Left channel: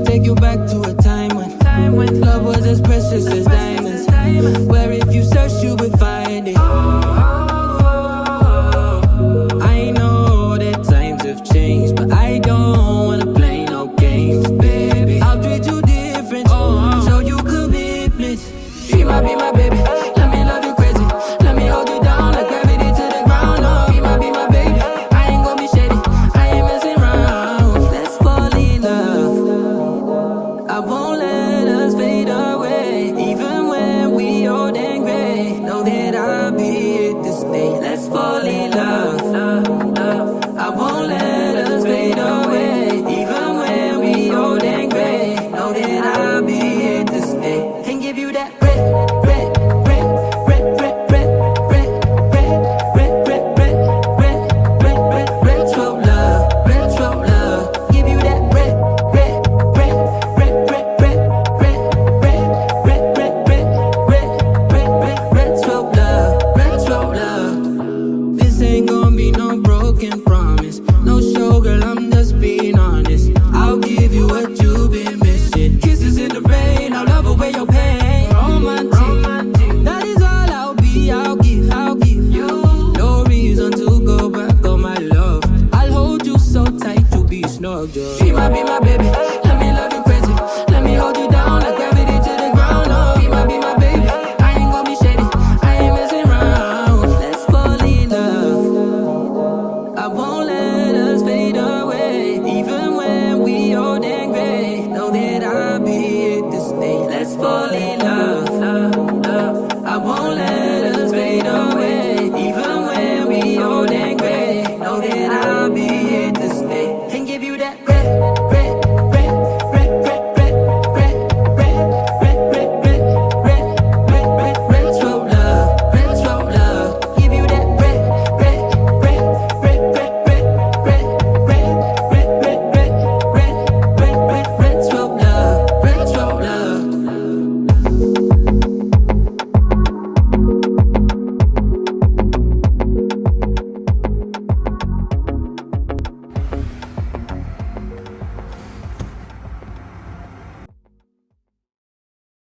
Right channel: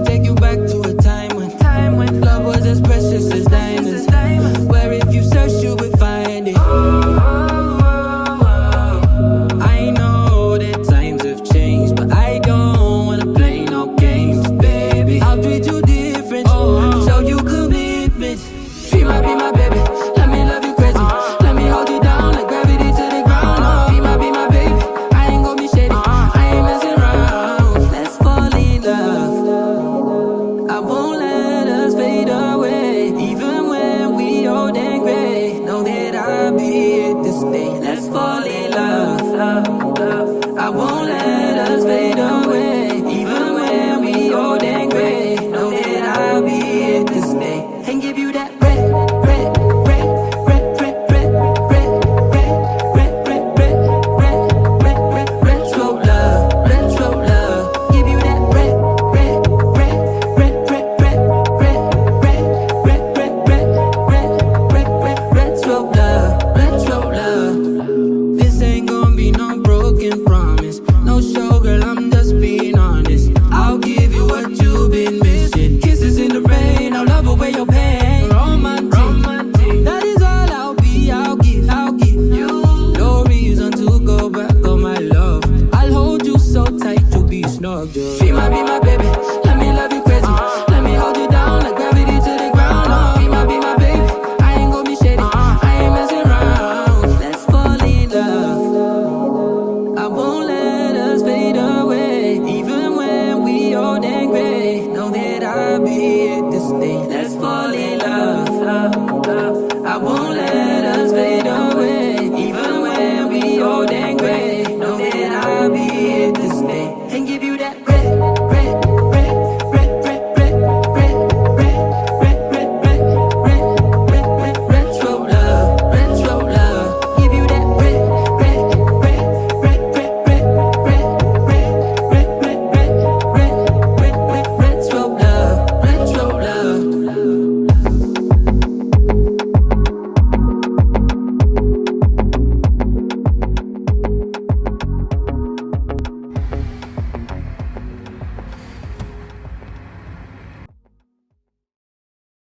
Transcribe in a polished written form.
me take you back to a time when love was as precious as diamonds, where if you search you would find it. I know that times have changed, but I don't wanna play no games, baby. I'll treat you different, show you commitment. She might be my baby, let me love you crazy. Let me hold you down like gravity to the ground. Oh, be my baby, I ain't gonna be shady, I ain't messing around. Let's fall in love, I won't let us fade away. Even when we old and gray, know that I'll be here to stay. Let's fall in love, I won't let us fade away. Even when we old and gray, know that I'll be here to stay. And give you that red, red, red, red, red, red, red, red, red, red, red, red, red, red, retro love, retro love. Give you that red, red, red, red, red, red, red, red, red, red, red, red, red, red, retro love, retro love. This ain't gonna be no broken promise, no showgirl, I'm just being honest. I'll give you what you've been missing. Kisses in the rain, I'll love away your pain. Romantic, that is all I'll be, I'll give you. No reason to go back on my love. I'll hold you so tight, you'll be snug, just. She might be my baby, let me love you crazy. Let me hold you down like gravity to the ground. Oh, be my baby, I ain't gonna be shady, I ain't messing around. Let's fall in love, I won't let us fade away. Even when we old and gray, know that I'll be here to stay. Let's fall in love, I won't let